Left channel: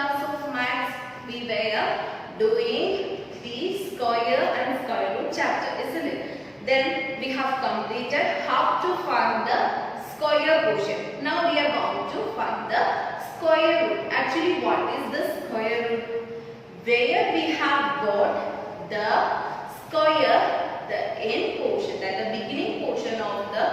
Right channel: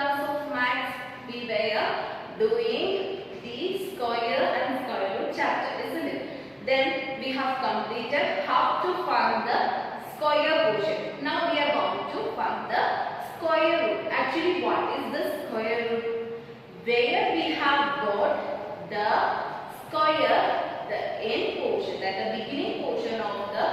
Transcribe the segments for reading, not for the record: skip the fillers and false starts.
class of maths we were doing the square and square root chapter, isn't it? Then we have completed how to find the square portion. Now we are going to find the square root. Actually, what is the square root? Where we have got the square, the end portion, that the beginning portion of the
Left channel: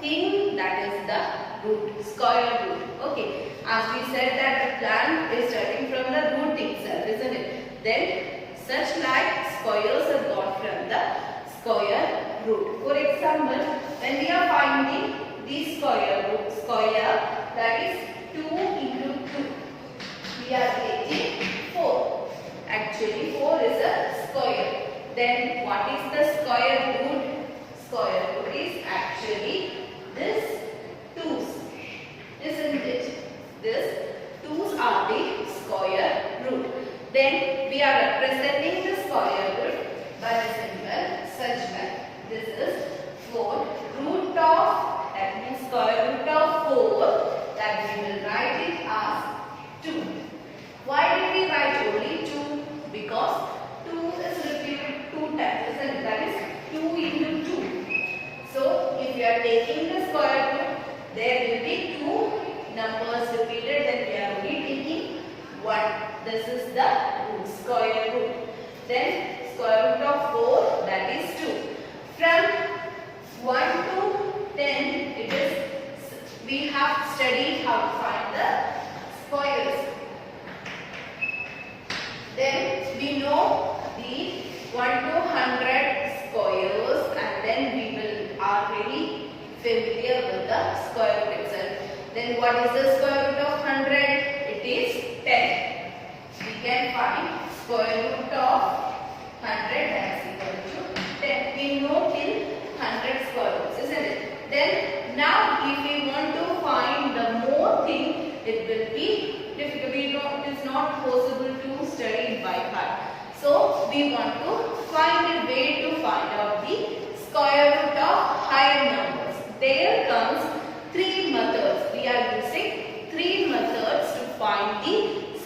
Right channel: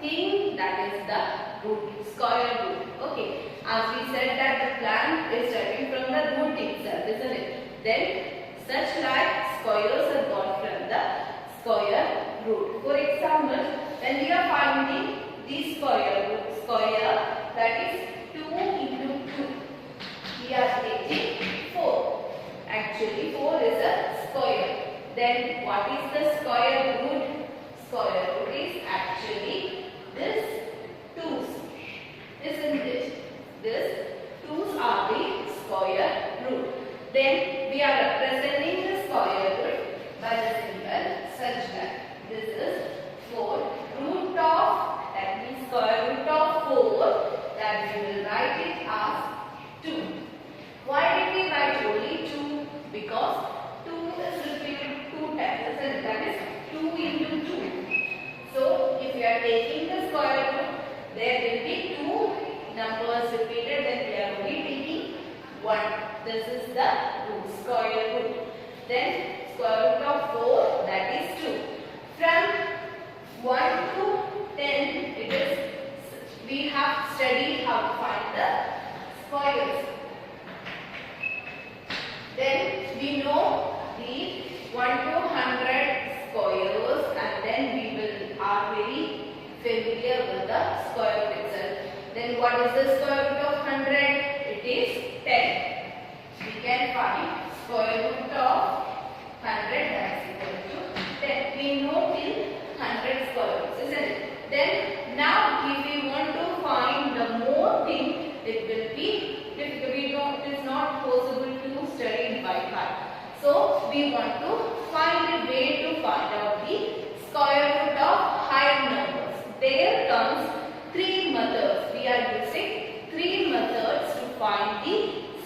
thing, that is the root, square root. Okay, as we said that the plant is starting from the root itself, isn't it? Then such like squares are got from the square root. For example, when we are finding the square root, square, that is 2 into 2, we are getting 4. Actually 4 is a square. Then what is the square root? Square root is actually this 2's, isn't it? This 2's are the square root. Then we are representing the square root by the symbol such that this is 4 root of, that means square root of 4, that we will write it as 2. Why did we write only 2? Because 2 is repeated 2 times, and that is 2 into 2. So if we are taking the square root, there will be 2 numbers repeated, then we are only taking 1. This is the root, square root. Then square root of 4, that is 2. From 1 to 10, it is, we have studied how to find the squares. Then we know the 1 to 100 squares, and then we are very familiar with the square root itself. Then what is the square root of 100? It is 10. We can find square root of 100, that is equal to 10. We know till 100 square roots, isn't it? Then now if we want to find the more thing, it will be difficult. We know it is not possible to study it by heart. So we want to find a way to find out the square root of higher numbers. There comes 3 methods. We are using 3 methods to find the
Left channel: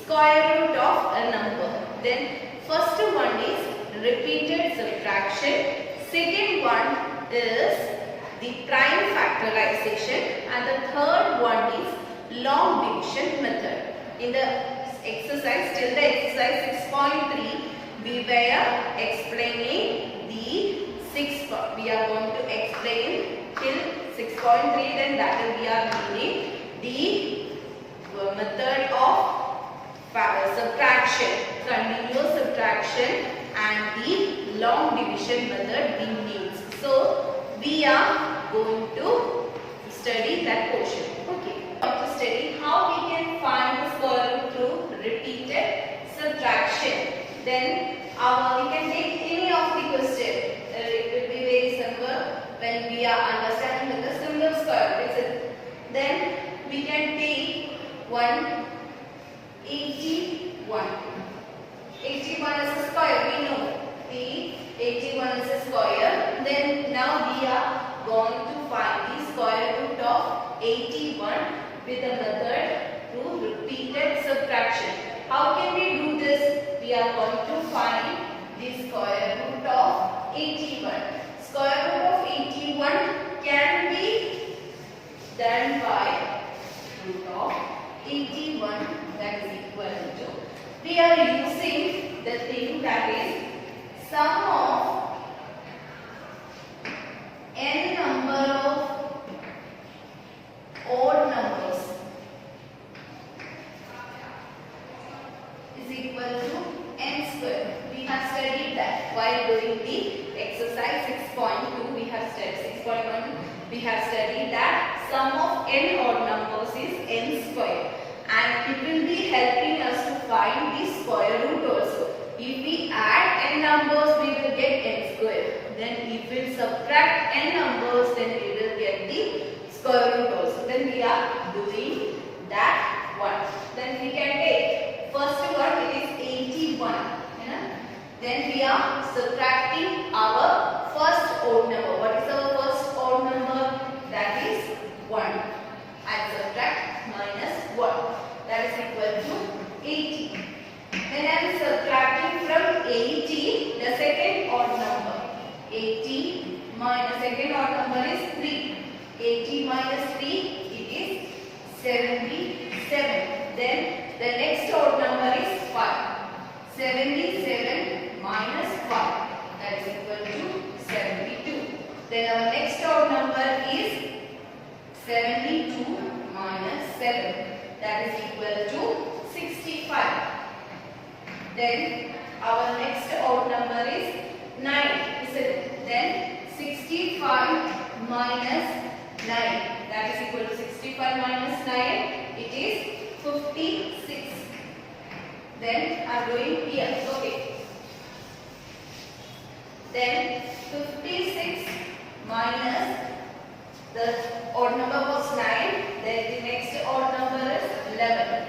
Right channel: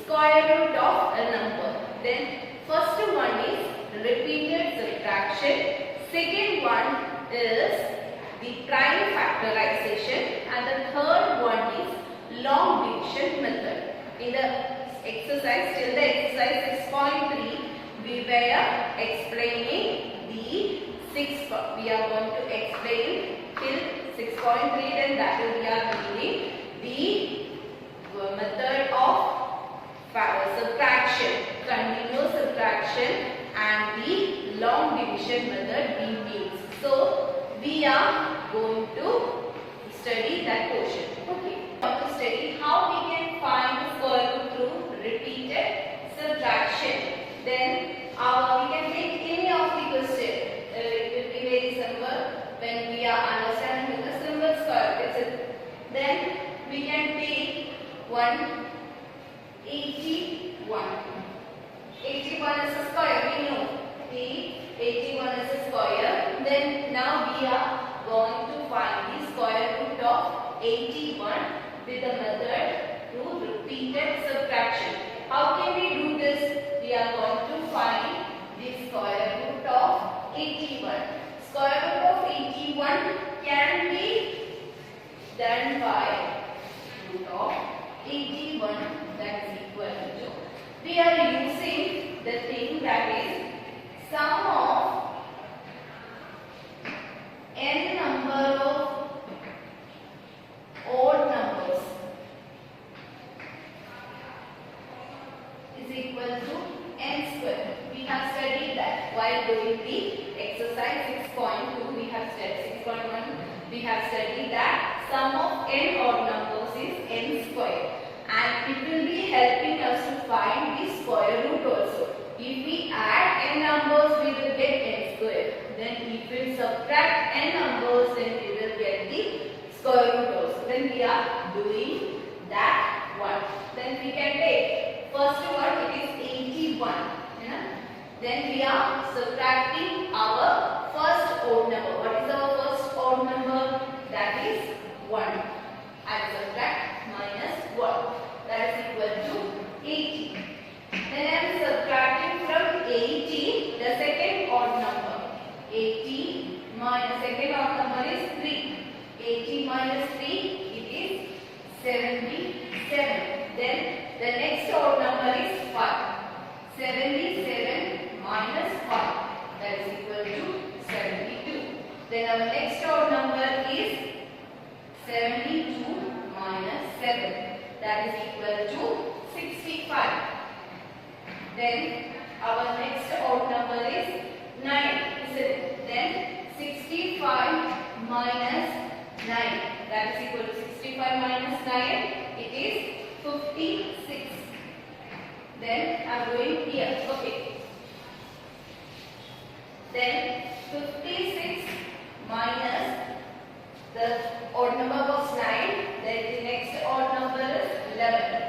square root of a number. Then first one is repeated subtraction. Second one is the prime factorization, and the third one is long division method. In the exercise, till the exercise 6.3, we were explaining the 6. We are going to explain till 6.3. Then that we are using the method of subtraction, continuous subtraction, and the long division method we need. So we are going to study that portion. Okay. To study how we can find the square root through repeated subtraction. Then we can take any of the question. It will be very simple when we are understanding with the simple square root. Then we can take 81. 81 is a square. We know the 81 is a square. Then now we are going to find the square root of 81 with the method through repeated subtraction. How can we do this? We are going to find the square root of 81. Square root of 81 can be done by root of 81, that is equal to, we are using the thing that is sum of n number of odd numbers is equal to n square. We have studied that while doing the exercise 6.2. We have studied 6.1. We have studied that sum of n odd numbers is n square, and it will be helping us to find the square root also. If we add n numbers, we will get n square. Then if we subtract n numbers, then we will get the square root also. Then we are doing that one. Then we can take first one, it is 81. Then we are subtracting our first odd number. What is our first odd number? That is 1. I subtract minus 1. That is equal to 80. Then I am subtracting from 80 the second odd number. 80 minus second odd number is 3. 80 minus 3, it is 77. Then the next odd number is 5. 77 minus 5, that is equal to 72. Then our next odd number is 72 minus 7, that is equal to 65. Then our next odd number is 9, isn't it? Then 65 minus 9, that is equal to 65 minus 9, it is 56. Then I am doing here, okay. Then 56 minus the odd number was 9, then the next odd number is 11.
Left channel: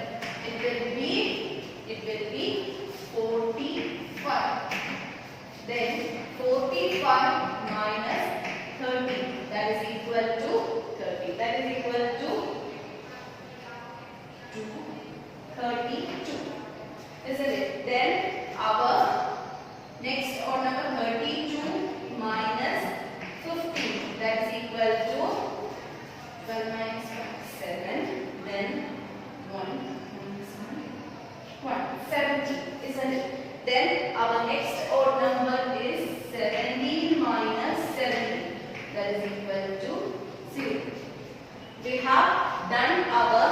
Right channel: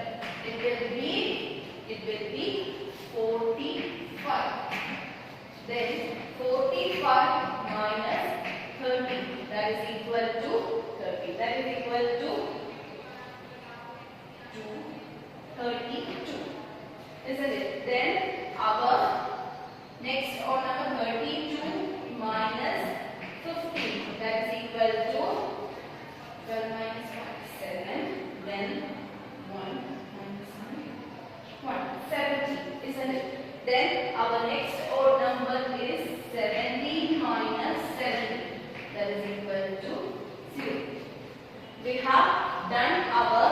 It will be 45. Then 45 minus 30, that is equal to 30. That is equal to 32. Isn't it? Then our next odd number 32 minus 15, that is equal to 12 minus 7, then 1 minus 1, 70, isn't it? Then our next odd number is 70 minus 70, that is equal to 0. We have done our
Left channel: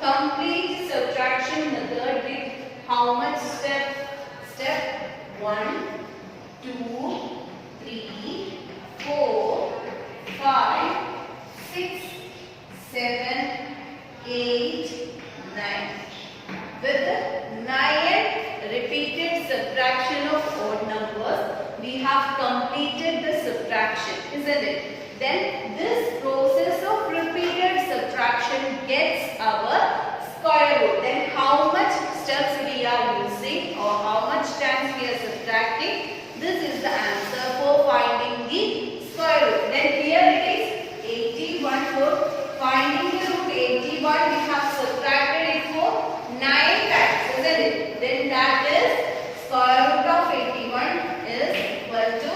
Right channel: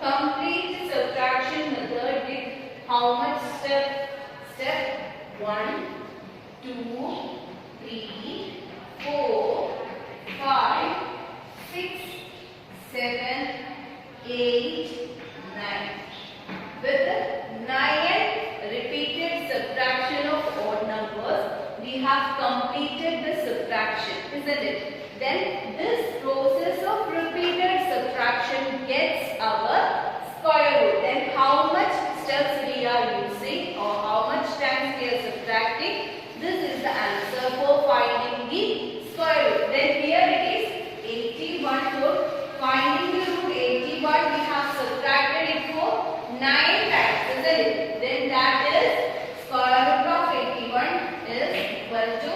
complete subtraction method with how much step? Step 1, 2, 3, 4, 5, 6, 7, 8, 9. With 9 repeated subtraction of odd numbers, we have completed the subtraction, isn't it? Then this process of repeated subtraction gets our square root. Then how much steps we are using or how much times we are subtracting, this is the answer for finding the square root. Then here it is 81 for finding the root 81, we have subtracted it for 9 times, isn't it? Then that is square root of 81 is equal to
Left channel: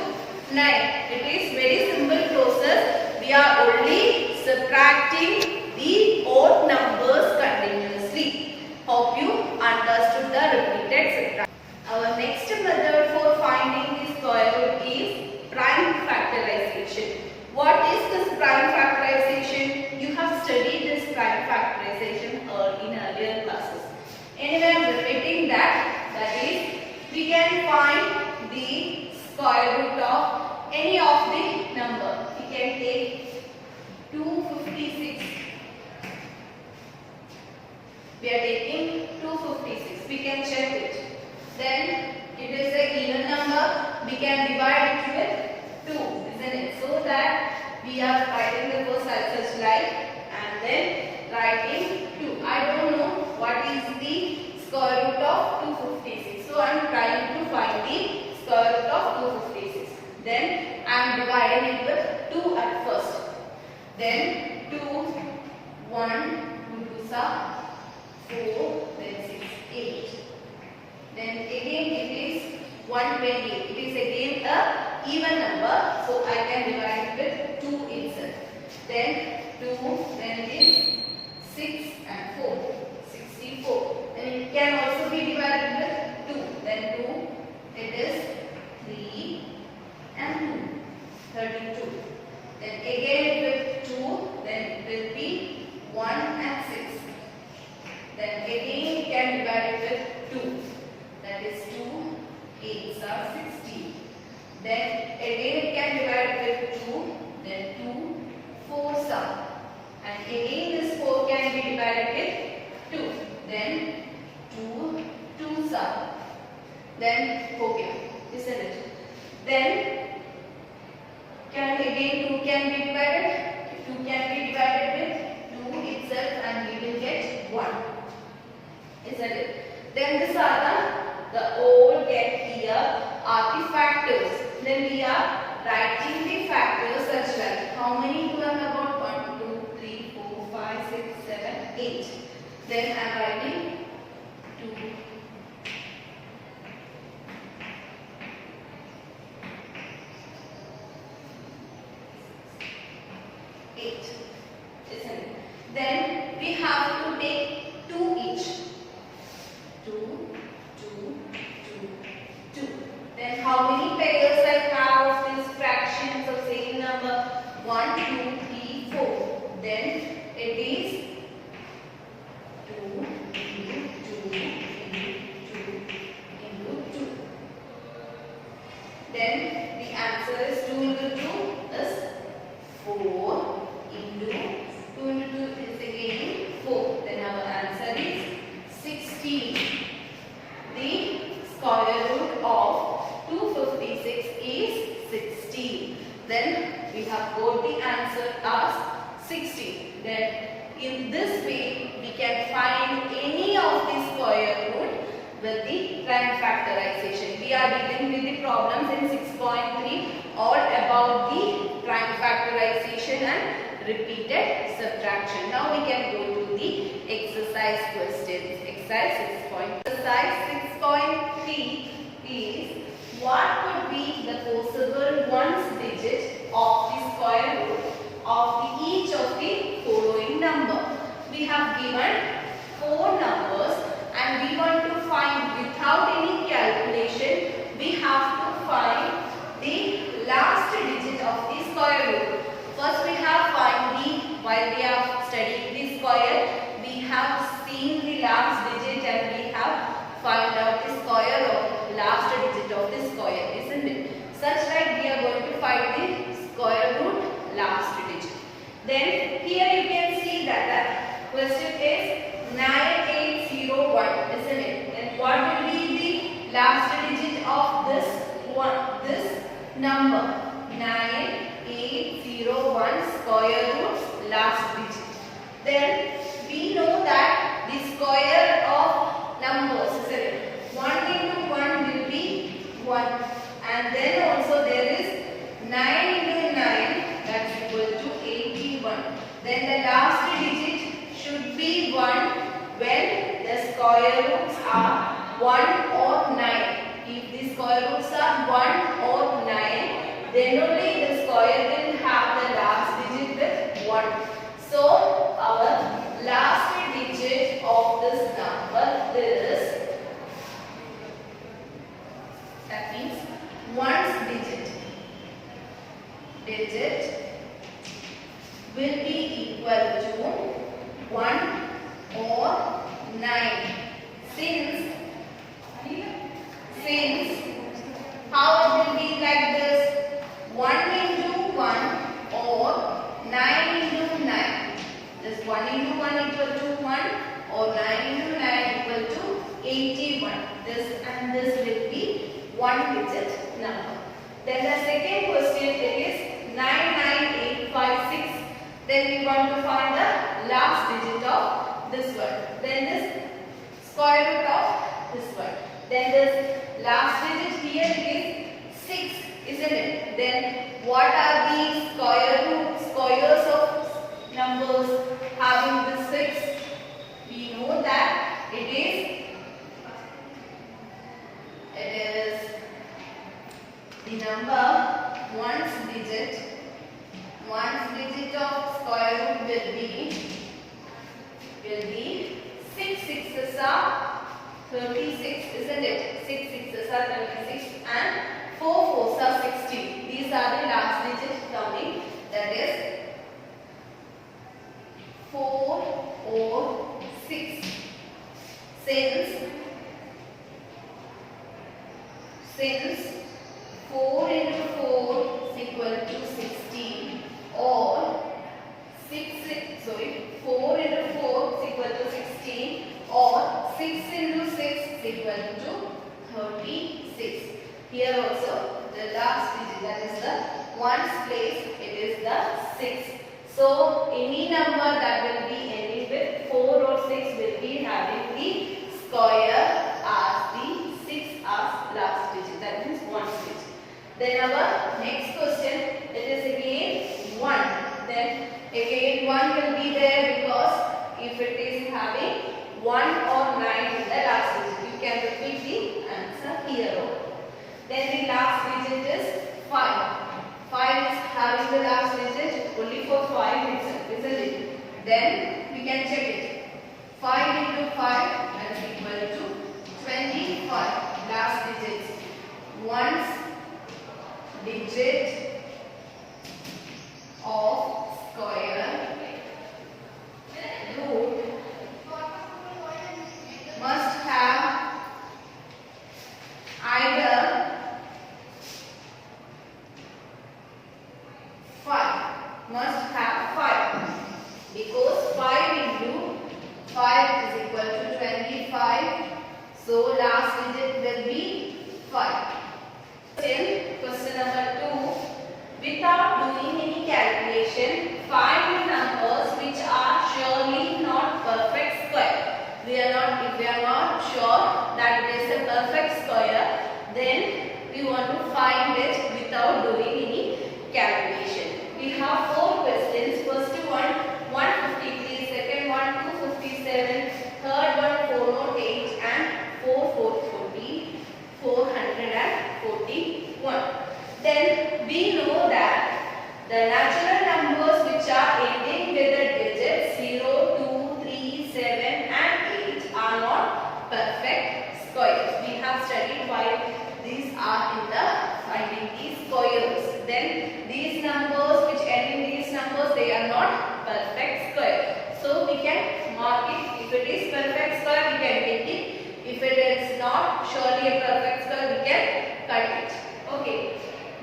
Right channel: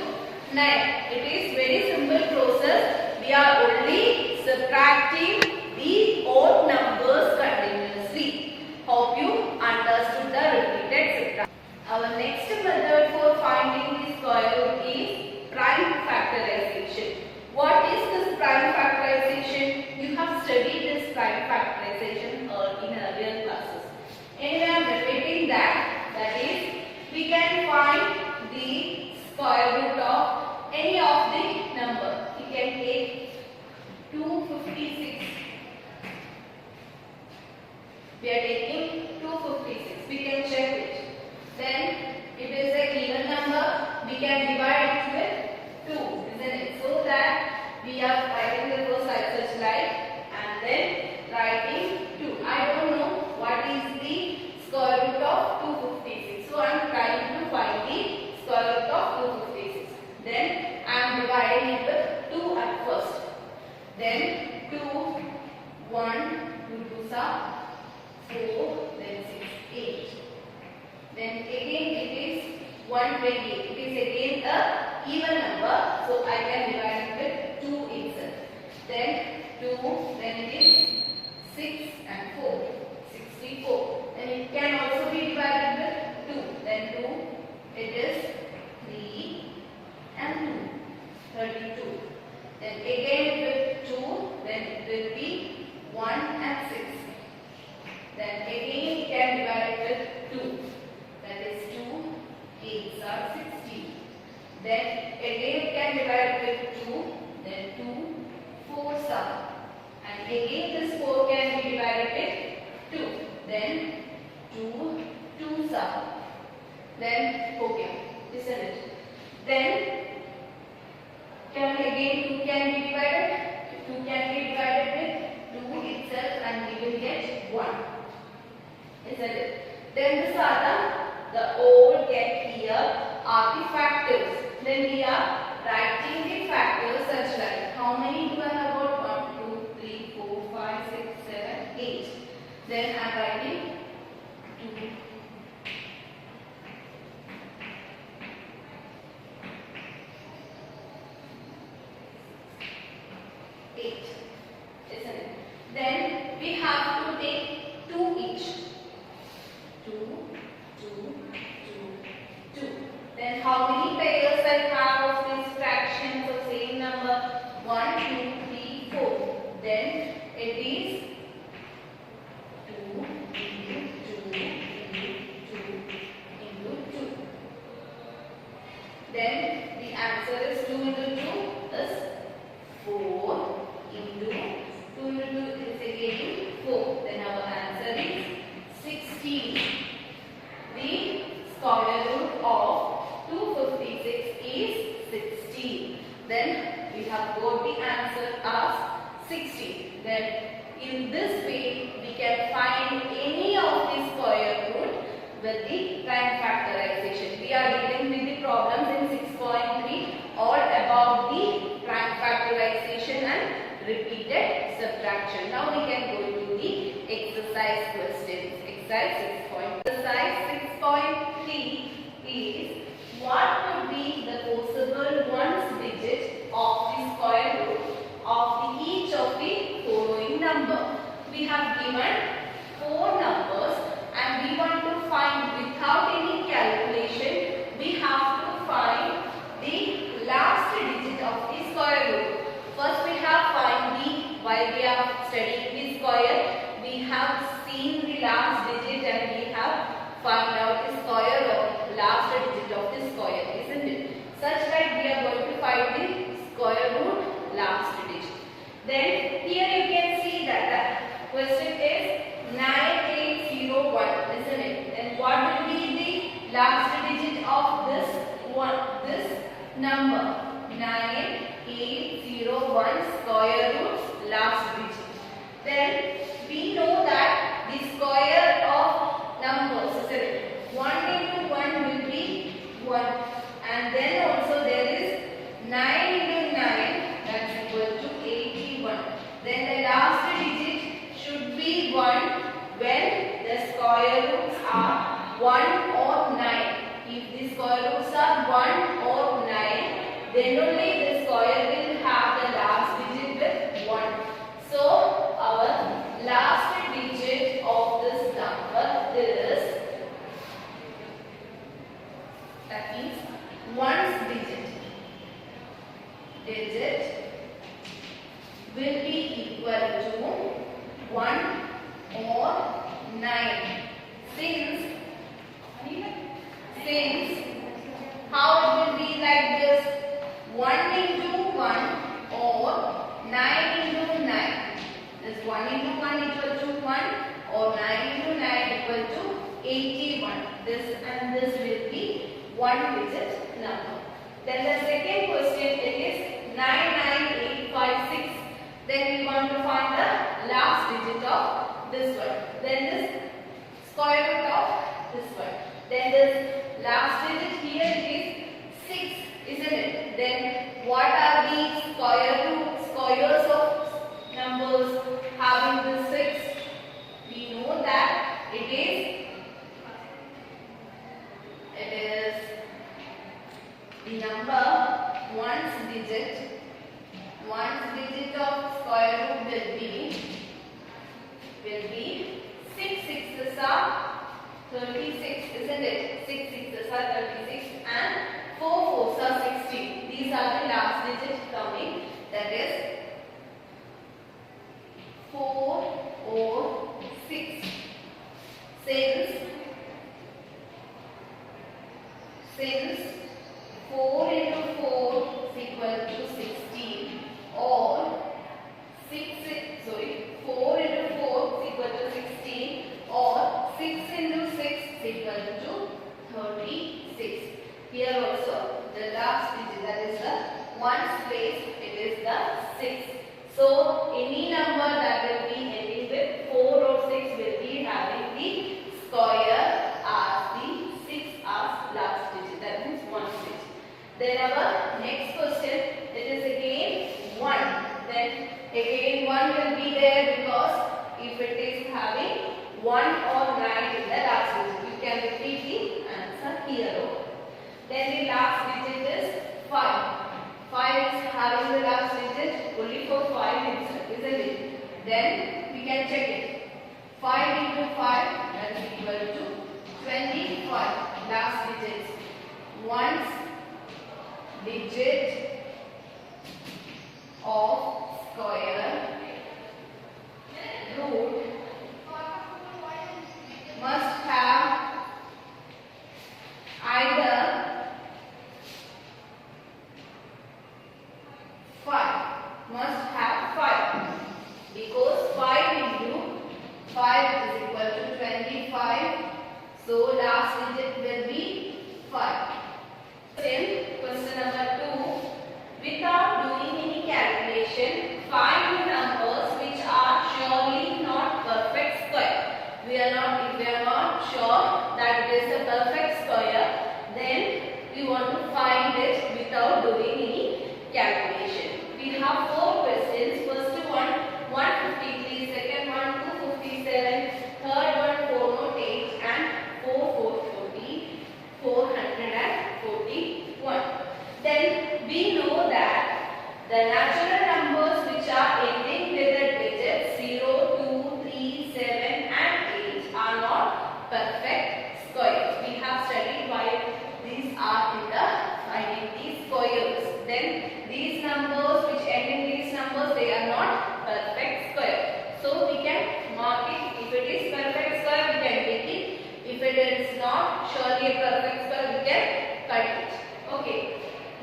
9. It is very simple process. We are only subtracting the odd numbers continuously. Hope you understood the repeated subtraction. Our next method for finding the square root is prime factorization. What is this prime factorization? You have studied this prime factorization in earlier classes. Anyway, I am repeating that. That is, we can find the square root of any of the number. We can take 256. We are taking 256. We can check it. Then it is an even number. We can divide it with 2, isn't it? So that we are writing the first such like and then writing 2. I don't know what is the square root of 256. So I am trying to find the square root of 256. Then I am dividing it with 2 at first. Then 2, 1, 2 2s are 4, then 6, 8. Then again it is 120. It is again a even number. So I can divide it with 2 itself. Then 2, then it is 6 and 4. 64. Then it can also be divided with 2. Then 2, it is 3 and 2. 32. Then again with 2, then it will be 1 and 6. Then again we can divide it with 2. That is 2 8s are 16. Then again we can divide it with 2. Then 2 4s are. And again this 4 can be divided with 2. Then 2 2s are. Then okay, isn't it? Then can again 2 can be divided. 2 can be divided with 2 itself and we will get 1. Isn't it? Then these are the old get here are the factors. Then we are writing the factors such like how many do I have got? 1, 2, 3, 4, 5, 6, 7, 8. Then I am writing 2, 8, isn't it? Then we have to take 2 each. 2, 2, 2, 2. Then how many pairs I have of these fractions of same number? 1, 2, 3, 4. Then it is 2 into 2 into 2. Then the answer is 2 into 2 is 4 into 2 into 2 is again 4. Then our answer is 16. The square root of 256 is 16. Then we have got the answer as 16. Then in this way we can find any of the square root with the prime factorization. We are dealing with the problems in 6.3 all about the prime factorization and repeated subtraction. Now we can go to the exercise questions. Exercise 6.3 is what could be the possible ones digit of the square root of each of the following number. We have given 4 numbers and we want to find without any calculation, we have to find the last digit of the square root. First we have find while we are studying the square, we have seen the last digit and we have found out the square of last digit of the square, isn't it? Such like we are going to find the square root last digit. Then here you can see that the question is 9801, isn't it? Then what will be the last digit of this number? 9801 square root's last digit. Then we know that the square of numbers, isn't it? 1 into 1 will be 1, and then also there is 9 into 9, that's equal to 81. Then the last digit should be 1 when the square roots are 1 or 9. If the square roots are 1 or 9, then only the square will have the last digit with 1. So our last digit of this number is, that means 1's digit will be equal to 1 or 9. Since how it will be like this, 1 into 1 or 9 into 9. This 1 into 1 equal to 1 or 9 into 9 equal to 81. This and this will be 1 digit number. Then the second question, it is 99856. Then we want to find the last digit of this one. Then this square root of this one. Then this last digit here is 6, isn't it? Then what are the squares of numbers having the 6? We know that it is the number 1's digit. 1's digit of square root will be 6 6's are 36, isn't it? 6 6's are 36 and 4 4's are 16. These are the last digits coming, that is 4 or 6. Since 4 into 4 is equal to 16, or 4 into 4 is equal to 16, or 6 into 6 is equal to 36. Here also the last digit, that is the 1's place, it is the 6. So any number that will be ending with 4 or 6 will be having the square as the 6 as last digit, that means 1 digit. Then our next question, it is again 1. Then again 1 will be there because if it is having 1 or 9 in the last digit. Then the last digit is 5. 5 is having the last digit only for 5 itself, isn't it? Then we can check it. 5 into 5 that is equal to 25. Last digits. Ones digit of square root must have either 5. Must have 5. Because 5 into 5 is equal to 25. So last digit will be 5. Then question number 2. Without doing any calculation, find the numbers which are surely not perfect square. If we are not sure that it is a perfect square, then we want to find it without doing any calculation. We have 4 questions. First one 153, second one 257, third one 408 and 440, 441. Then we know that the natural numbers which are ending with the digits 0, 2, 3, 7 and 8 are not perfect squares. We have studied why these are in the finding these squares. Then these numbers which end in these numbers, they are not perfect square. So we can mark it. If it is perfect square, we can take it. If it is not surely a perfect square, we can cut it. Okay.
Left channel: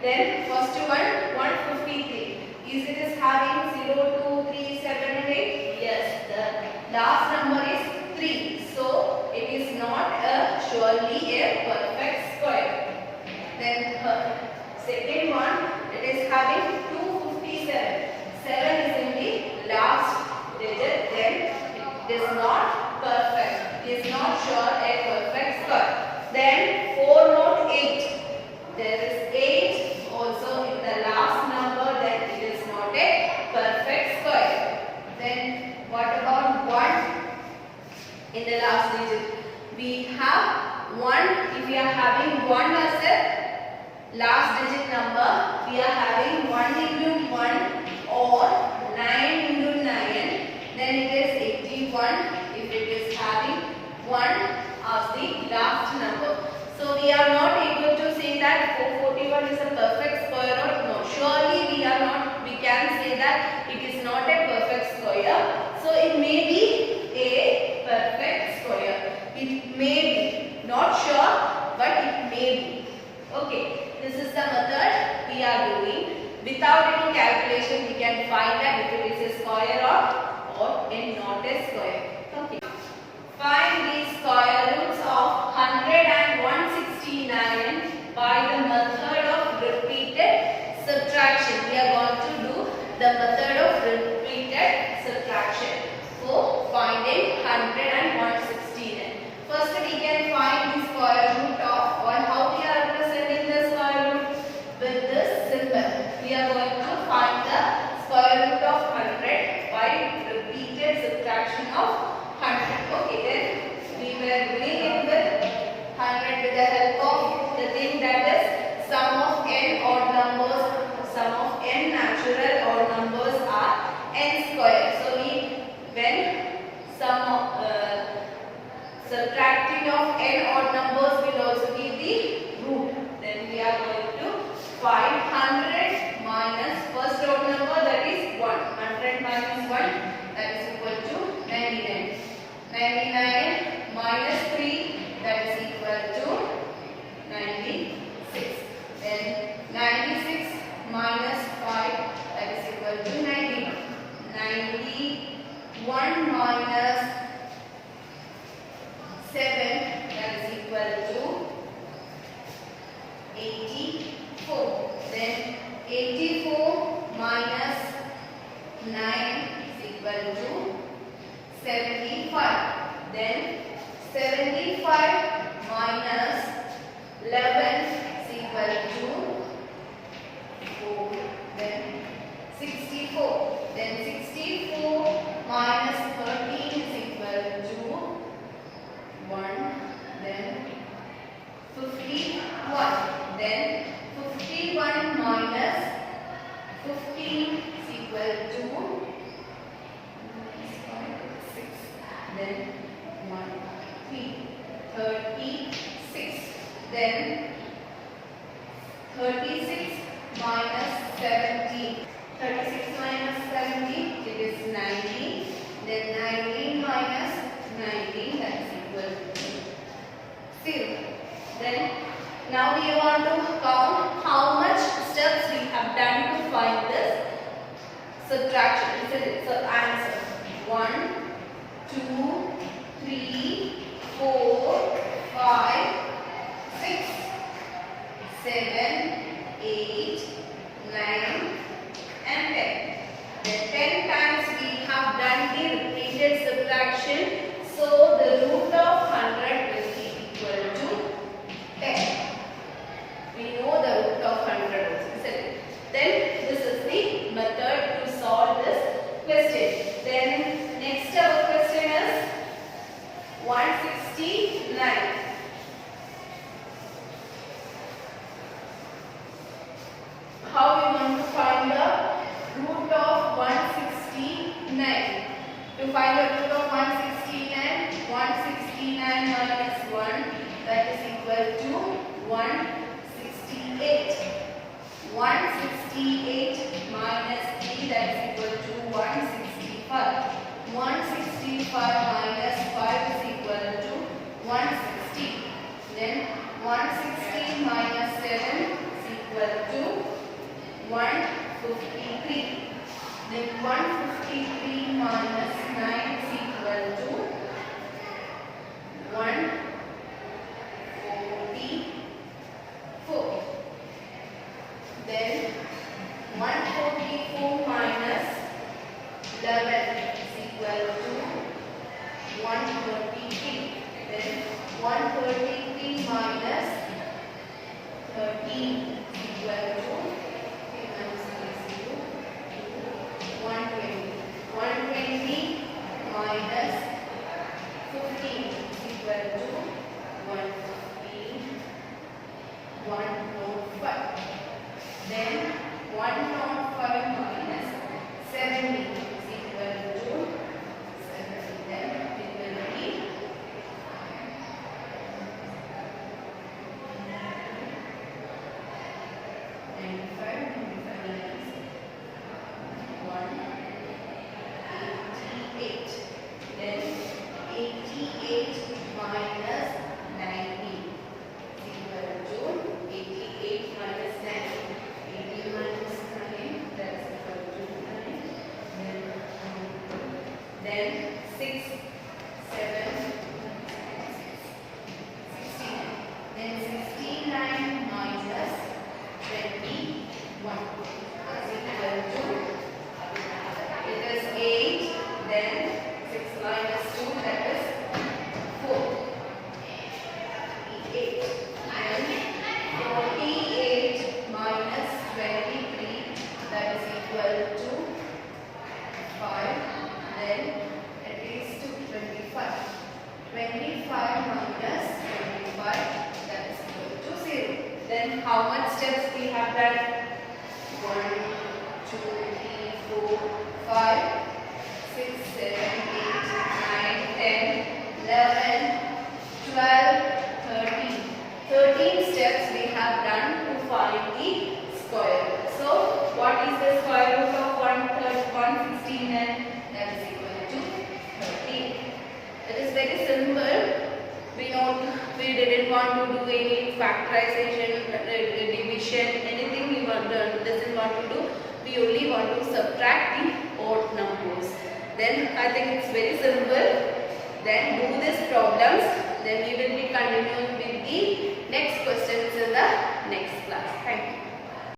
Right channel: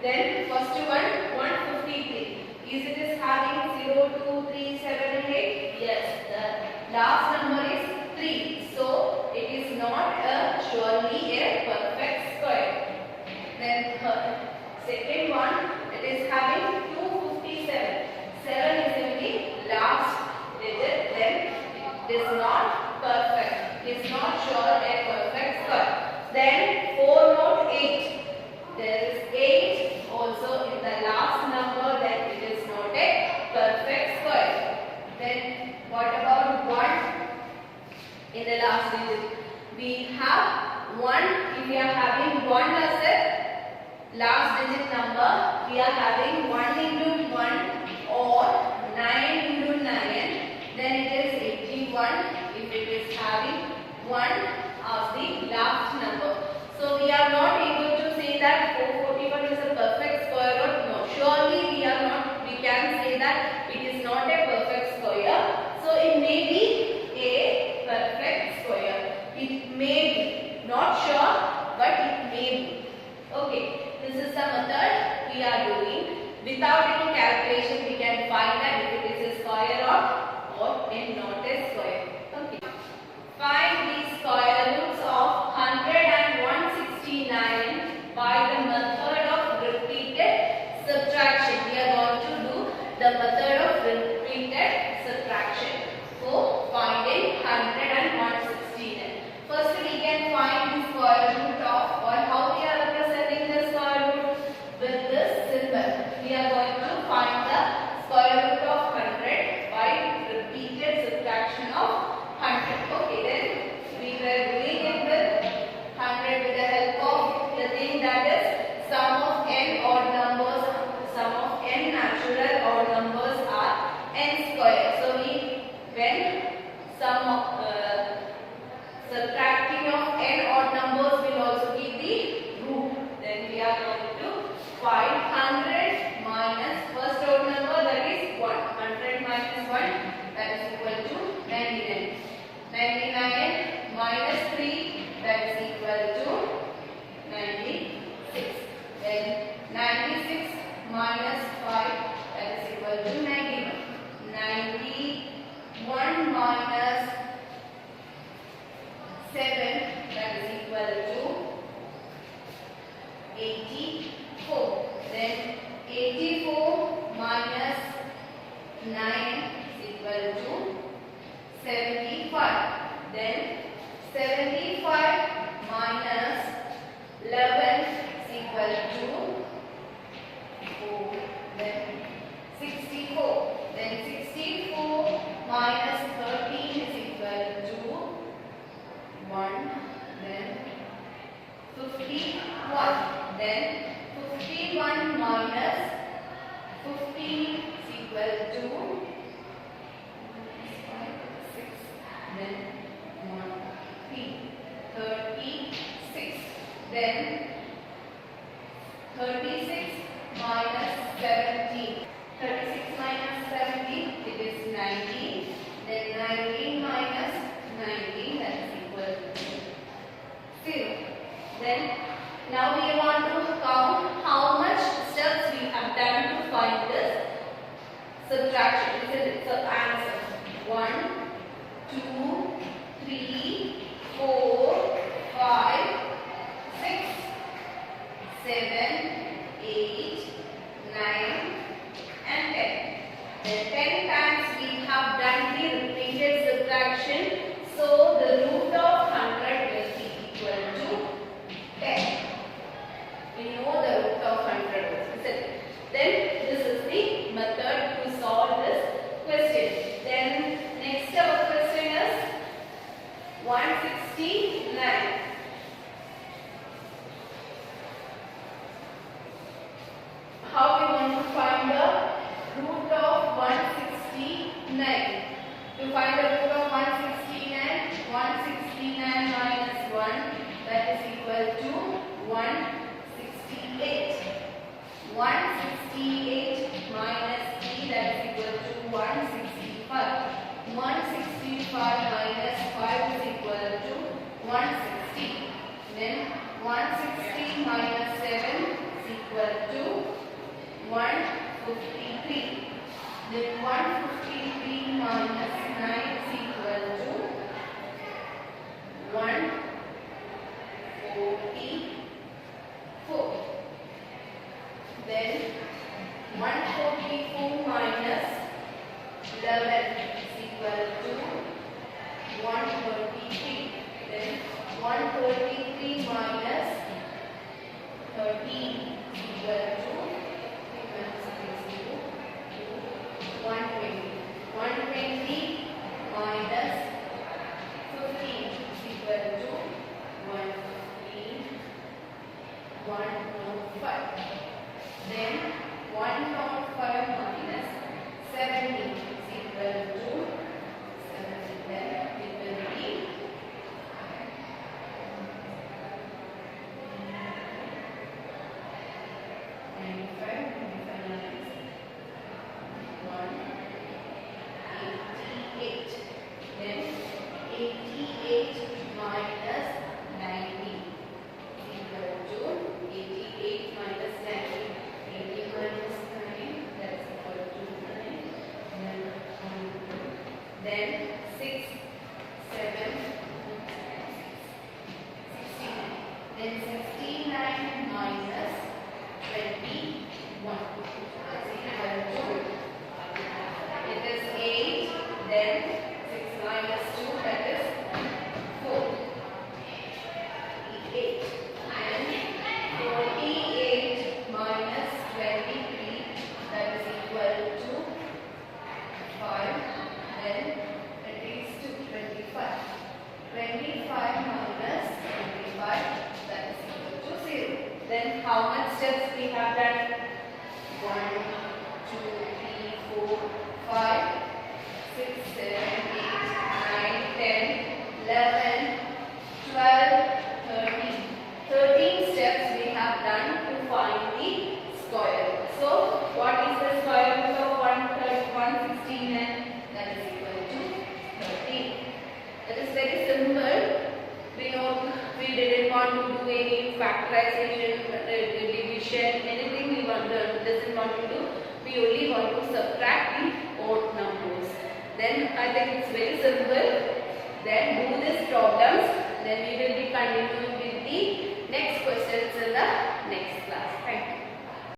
Then first one 153. Is it having 0, 2, 3, 7 and 8? Yes. The last number is 3. So it is not surely a perfect square. Then second one, it is having 257. 7 is in the last digit. Then it is not perfect. It is not sure a perfect square. Then 408. There is 8 also in the last number, then it is not a perfect square. Then what about 1 in the last digit? We have 1. If we are having 1 as a last digit number, we are having 1 into 1 or 9 into 9, then it is 81 if it is having 1 as the last number. So we are not able to say that 441 is a perfect square root. No, surely we are not. We can say that it is not a perfect square. So it may be a perfect square. It may be, not sure, but it may be. Okay, this is the method we are doing. Without any calculation, we can find that if it is a square or not a square. Okay. Find the square roots of 100 and 169 by the method of repeated subtraction. We are going to do the method of repeated subtraction for finding 100 and 169. First we can find the square root of, or how we are representing the square root with this symbol. We are going to find the square root of 100 by repeated subtraction of 100. Okay, then we were doing it with 100 with the help of the thing that is sum of n odd numbers. Sum of n natural odd numbers are n square. So when subtracting of n odd numbers will also give the root. Then we are going to find 100 minus first odd number, that is 1. 100 minus 1, that is equal to 99. 99 minus 3, that is equal to 96. Then 96 minus 5, that is equal to 91. 91 minus 7, that is equal to 84. Then 84 minus 9 is equal to 75. Then 75 minus 11 is equal to 4. Then 64. Then 64 minus 13 is equal to 1. Then 51. Then 51 minus 15 is equal to 6. Then 1, 3, 36. Then 36 minus 17. 36 minus 17, it is 19. Then 19 minus 19, that is equal to 0. Then now we want to count how much steps we have done to find this subtraction. So answer 1, 2, 3, 4, 5, 6, 7, 8, 9 and 10. Then 10 times we have done the repeated subtraction. So the root of 100 will be equal to 10. We know the root of 100 also. Then this is the method to solve this question. Then next our question is 169. How we want to find the root of 169? To find the root of 169, 169 minus 1, that is equal to 168. 168 minus 3, that is equal to 165. 165 minus 5 is equal to 160. Then 160 minus 7 is equal to 153. Then 153 minus 9 is equal to 144. Then 144 minus 11 is equal to 133. Then 133 minus 13 is equal to 120. 120 minus 15 is equal to 115. 105. Then 105 minus 70 is equal to 70. Then it will be 188. Then 88 minus 90 is equal to 88 minus 90. 80 minus 9, that is equal to 9. Then 6, 7, 69. Then 69 minus 21 is equal to, it is 8. Then 6 minus 2, that is 4. 48. Then 48 minus 23, that is equal to 5. Then it is to 25. 25 minus 25, that is equal to 0. Then how much steps we have done? 1, 2, 3, 4, 5, 6, 7, 8, 9, 10, 11, 12, 13. 13 steps we have done to find the square. So what is the square root of 116? That is equal to 13. It is very simple. We didn't want to do any factorization, division, anything we doesn't want to do. We only want to subtract the odd numbers. Then I think it's very simple. Then do these problems. Then we will be continuing with the next questions in the next class. Thank you.